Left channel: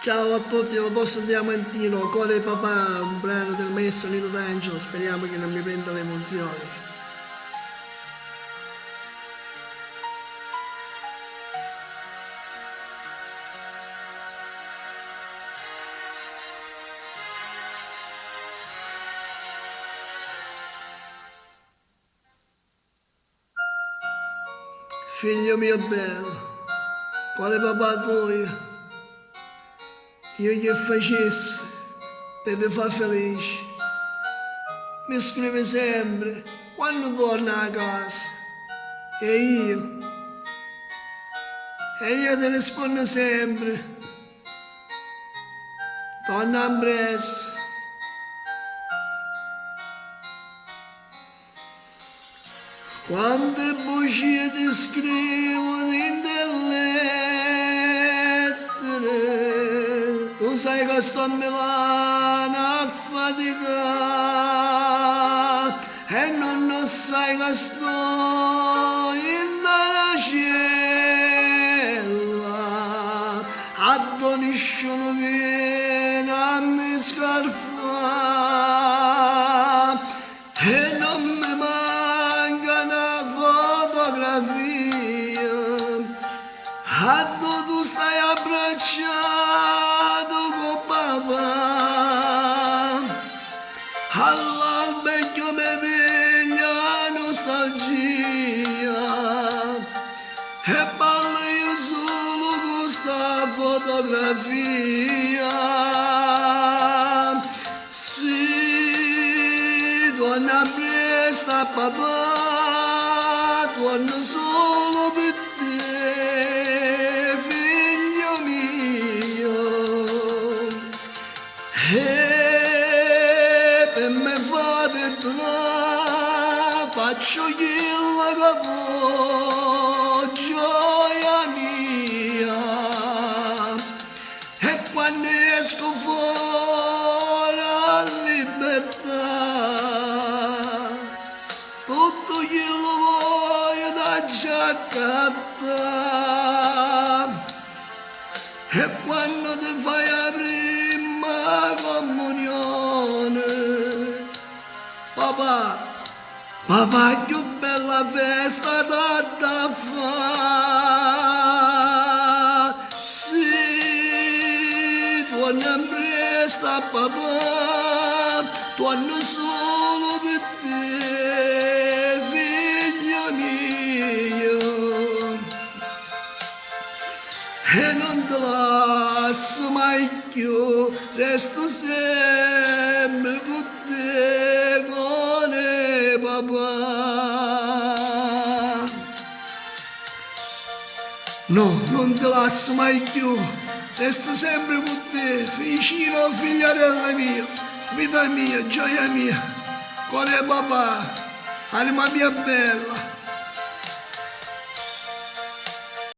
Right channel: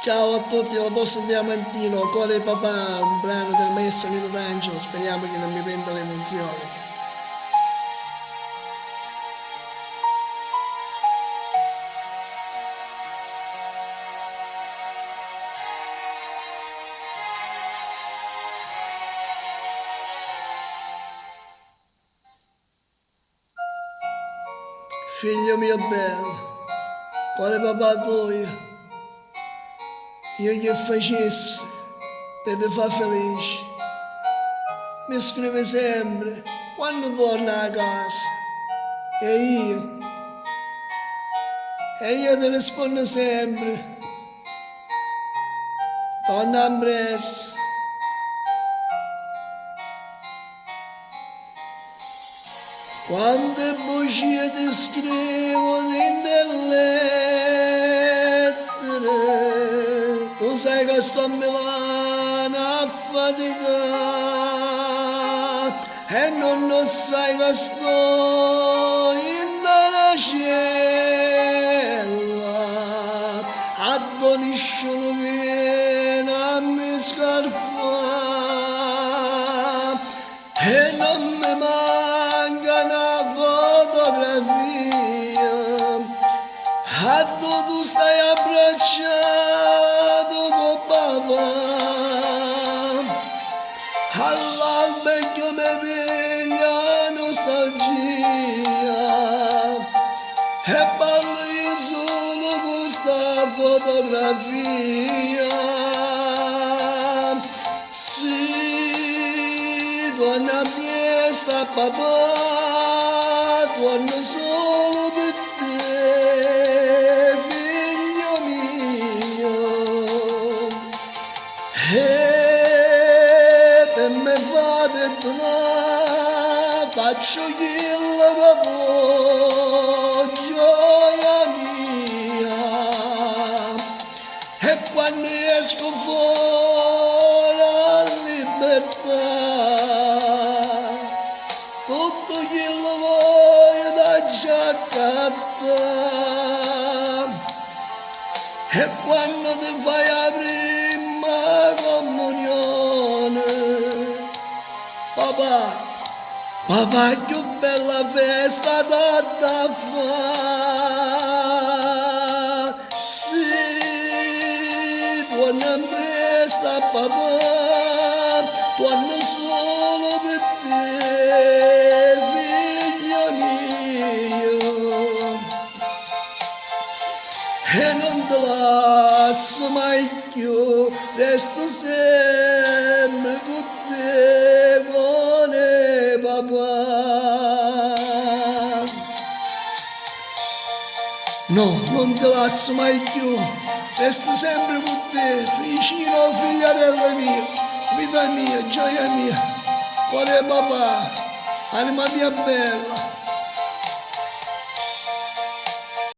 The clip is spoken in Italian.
Ciao a tutti dal vostro Diamantino, Core Papà, un brano del maestro Nino D'Angelo, speriamo che non mi prenda le emozioni. Figlio mio bello, quale papà tuo, io che facessi per ti far felice, mi scrive sempre quando torna a casa e io ti rispondo sempre, torna a presto. Quante bugie ti scrivo delle lettere, tu sai che sto a Milano a faticare e non sai che sto in una cella, a nessuno viene a mi scarfare e non mi manca una fotografia, a tu stai abbracciato con papà, all'albero mi piglia nostalgia e parlo io solo con questa fotografia. Torna presto a papà, torna solo per te, figlio mio. E per me fa perdonare, faccio quello che vuoi, gioia mia. E quando esco fuori a libertà, tutto quello voglio da giaccatta e quando ti fai la prima comunione, papà che bella festa da fa, sì, torna presto a papà, torno solo per te, figlio mio, e non te lascio mai più, resto sempre con te, cuore papà. No, non te lascio mai più, resto sempre con te, vicino figliarella mia, vita mia, gioia mia, cuore papà, anima mia bella.